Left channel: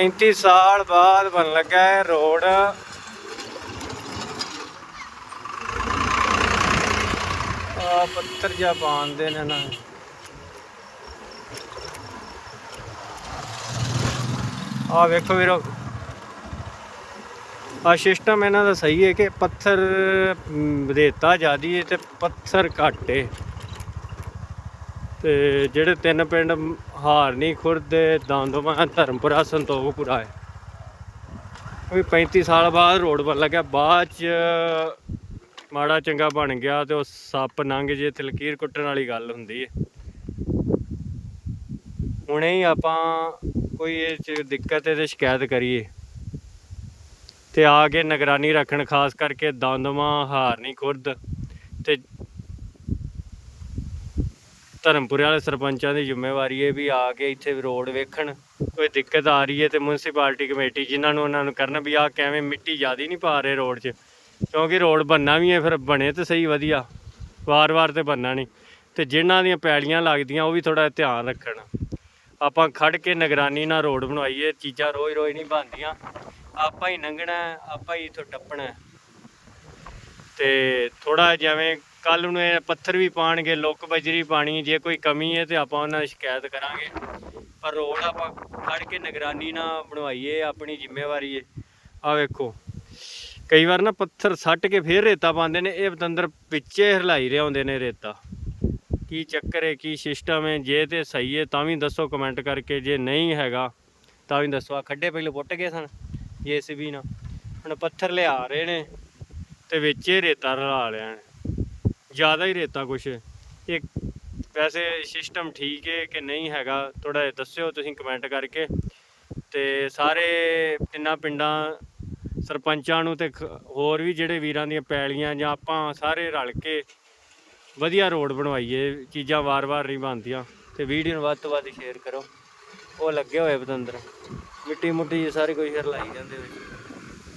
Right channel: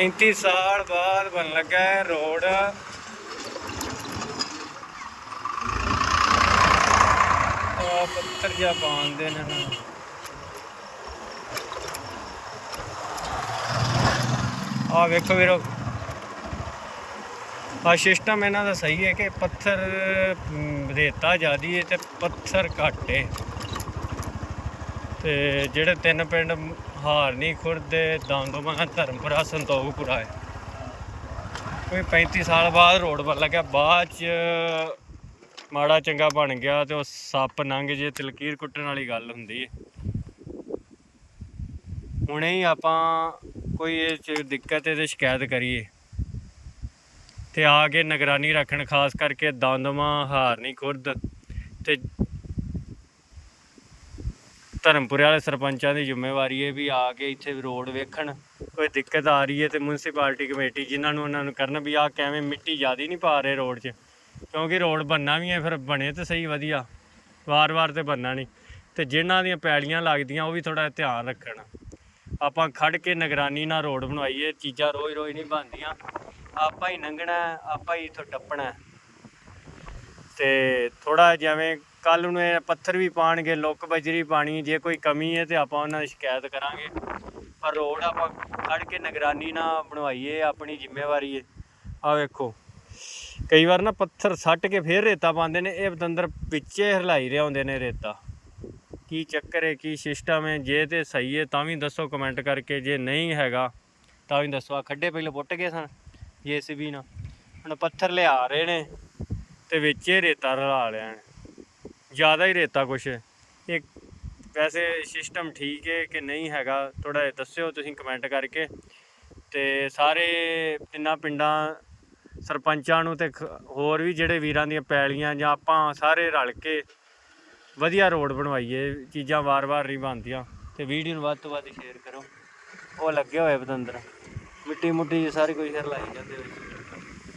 35 ਸਾਲ ਬਾਅਦ ਬਣ ਲੱਗਾ ਹੈ ਰੋਡ। ਆ ਪੱਤਰ ਜਿਹਾ ਪਾਉਂਦੇ ਨੇ ਨਾ। ਆ ਵੇਖੋ ਵੀਰੋ। ਆ ਸਿਸਟਮ ਇਹਨਾਂ ਦਾ ਸਹੀ ਹੈ ਕਿ ਪੱਥਰ ਵਧੇਤਾ ਰੇਤਾ ਜ਼ਿਆਦੀ ਹੈ ਤੇ ਪੱਥਰ ਘੱਟ ਹੈ। ਤੇ ਜਿਹੜੇ ਤਿੰਨ ਪਿੰਡ ਹਾਰਨੀ ਖੁਰਦ ਦੇ ਦੰਦੋਮਾ ਧਰਮਪੁਰਾ, ਸੰਤੋਖਪੁਰਾ ਹੈ। ਉਹ 35 ਸਾਲ ਬਾਅਦ ਰੋਡ ਬਣ ਲੱਗਿਆ। ਬਾਅਦ ਚ ਮਾੜਾ ਚੰਗਾ ਬਣ ਗਿਆ ਤੇ ਉਹ ਸੱਪ ਲੰਘ ਜੇ ਤਲਕੀਰ ਕੁੱਟਣ ਵਾਲੀ ਗੱਲ ਹੁੰਦੀ ਹੈ ਹੁਣੇ ਹੀ ਆਪਾਂ ਕੋਈ ਇਹ ਚ ਦਿੱਕਤ ਹੈ ਤੇ ਸ਼ਿਕਾਇਤ ਕਰੀਏ। ਤੇ ਆ ਕੇ ਨਿਗਰਾਨੀ ਰੱਖਣ, ਖਾਸ ਕਰਕੇ ਦੰਦਮਾ ਹਾਰਨੀ ਖੁਰਦ। ਤੇ ਧਰਮਪੁਰੇ ਵਾਲੇ ਸਰਪੰਚਾਂ ਦੀ ਜ਼ਿੰਮੇਵਾਰੀ ਹੈ ਵੀ ਆ ਕੇ ਇੱਥੇ ਰੋਡ ਵੇਖਣ। ਕੋਈ ਦਿੱਕਤ ਆ ਰਹੀ ਹੈ ਤੇ ਮਿਊਨਿਸਪੈਲਿਟੀ ਕਮੇਟੀ ਜਿਨ੍ਹਾਂ ਨੂੰ ਉਹਨਾਂ ਨੂੰ ਕਰਨ ਵੀ ਆ ਕਿਵੇਂ ਮਿੱਟੀ ਜ਼ਿਆਦੀ ਨਹੀਂ ਪਾ ਰਹੇ ਰੋਡ 'ਚ। ਕਿਉਂਕਿ ਰੋਡ ਬੰਨਾ ਵੀ ਹੈ, ਫਿਰ ਬਣੇ ਤੇ ਸਹੀ ਵਧੀਆ। ਵਾਰ-ਵਾਰ ਤੇ ਬੰਨਾ ਨਹੀਂ। ਤੇ ਜਿਨ੍ਹਾਂ ਦੀਆਂ ਪੈੜੀਆਂ ਲੱਗਦੀਆਂ, ਉਹ ਵੀ ਥੋੜਾ ਧਿਆਨ ਰੱਖਣ। ਆਪਾਂ ਖੜ ਕੇ ਨਿਗਰਾਨੀ ਨਾਲ ਰੋਡ ਬਣਵਾਈਏ, ਚੀਜ਼ਾਂ ਰੋਜ਼-ਰੋਜ਼ ਨਹੀਂ ਬਣਦੀਆਂ। ਆਪਾਂ ਹੀ ਲੰਘਣਾ ਆਪਾਂ ਹੀ ਇੱਥੋਂ ਟੱਪਣਾ। ਹੈ। ਤੇ ਥੋੜਾ ਜਿਵੇਂ ਕੱਲ ਨੂੰ ਇਹ ਪੱਥਰ ਵੀ ਪਾਣਗੇ, ਲੁੱਕ ਬਜਰੀ ਪਾਣੀ, ਜੇ ਕੋਈ ਕਮੀ ਹੈ ਤੇ ਆਪਾਂ ਉਹਨਾਂ ਦੀ ਸ਼ਿਕਾਇਤ ਕਰਾਂਗੇ। ਪਰ ਰੋਡ ਆਪਾਂ ਖੜ ਕੇ ਨਿਗਰਾਨੀ ਨਾ ਬਣਵਾਈਏ, ਆਪਣੀ ਜ਼ਿੰਮੇਵਾਰੀ ਹੈ ਆ ਵੇਖੋ, ਕਈ ਵਾਰ ਨਾ ਪੱਥਰ ਸੱਟ ਕੇ ਫੇਰ ਰੇਤਾ ਪਾਉਂਦੇ ਨੇ, ਇਹ ਬਤੰਦਰ ਵਿੱਚੇ ਹਿਲਾਈ ਰਹੇ ਹੁੰਦੇ ਨੇ ਰੇਤਾ। ਕੀ ਚੱਕਰ ਹੈ, ਕੀ ਸਿਸਟਮ ਹੈ, ਜੇ ਤੇ ਸਹੀ ਹੈ ਤਾਂ ਵੀ ਦੱਸੋ ਕਮੈਂਟ ਕਰਕੇ, ਜੇ ਨਹੀਂ ਹੈਗਾ ਤਾਂ ਵੀ ਦੱਸੋ। ਆ ਖੱਡੇ ਪਹਿਲੇ ਪੁੱਟ ਗਏ ਸਨ ਜੇਸੀਬੀ ਨਾਲ। ਹੁਣ ਪੱਥਰ ਲਿਆ ਰਹੇ ਨੇ ਤੇ ਵਿੱਚ ਹੀ ਰੇਤਾ ਰਲਾ ਲਿਆ ਨੇ। ਜ਼ਿਆਦਾ ਹੀ ਰੇਤਾ ਕੁਛ। ਇੱਕ ਵੈਸੇ ਸਿਸਟਮ ਠੀਕ ਹੈ ਕਿ ਨਹੀਂ ਹੈਗਾ ਥੋੜਾ ਜਿਹਾ ਦੱਸਿਓ ਤੁਸੀਂ ਕਮੈਂਟ ਕਰਕੇ। ਤੇ ਸਾਰੇ ਤਿੰਨਾਂ ਪਿੰਡਾਂ ਸਰਪੰਚਾਂ ਨੂੰ ਤੇ ਖ- ਹੋਰ ਵੀ ਜਿਹੜੇ ਵੀਰਾਂ ਦੀਆਂ ਪੈਲੀਆਂ ਜਾਂ ਆਪਾਂ ਸਾਰੇ ਰਲ ਕੇ ਵਧੀਆ ਰੋਡ ਬਣਵਾਈਏ, ਚੀਜ਼ਾਂ ਵਾਰ-ਵਾਰ ਨਹੀਂ ਬਣਦੀਆਂ। ਤੇ ਵੀਡੀਓ ਨੂੰ ਵੱਧ ਤੋਂ ਵੱਧ ਸ਼ੇਅਰ ਕਰੋ। ਉਹ ਲੱਗੇ ਹੋਏ ਬਤੰਦਰ। ਮਿੱਟੀ ਮੁੱਟੀ ਸਾਰੇ ਕੋਈ ਫਿਰ ਲਾਈ ਜਾਂਦੇ ਹੋਏ।